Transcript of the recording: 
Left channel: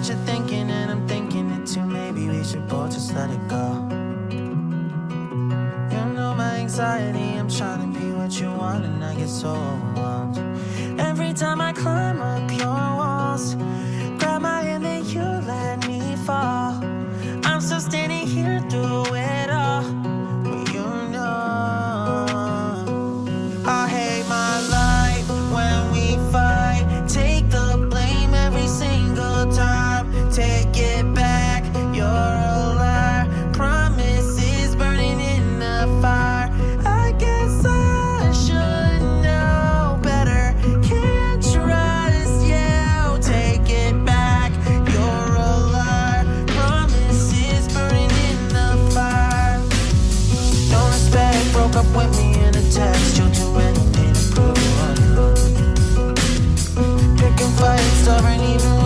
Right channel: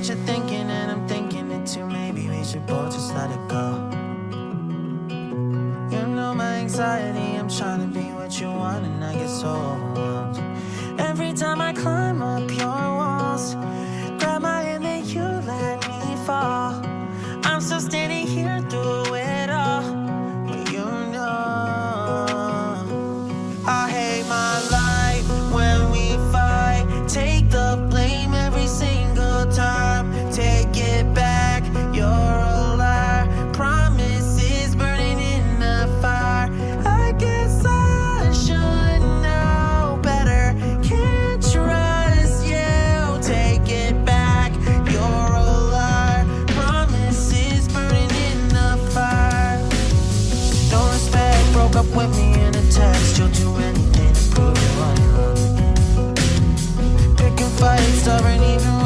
what you're thinking, and I'm thinking it too. Maybe we should both just let it go. You know my anxiety, I'm trying to be what you want, and I get so overwhelmed. Every time I climb up your walls, grab my hand and you let me fall. I'm still standing here through it all, when you know I hate my life when we fight. Take the blame every single time. Take it back, you're a liar. Promises burning in the fire. I guess I should know better. Can't trust you. Take it back, you're a liar. Promises burning in the fire. No respect, broke up with me in a text. You'll do anything to prove you're on your own. Picking fights, stubborn even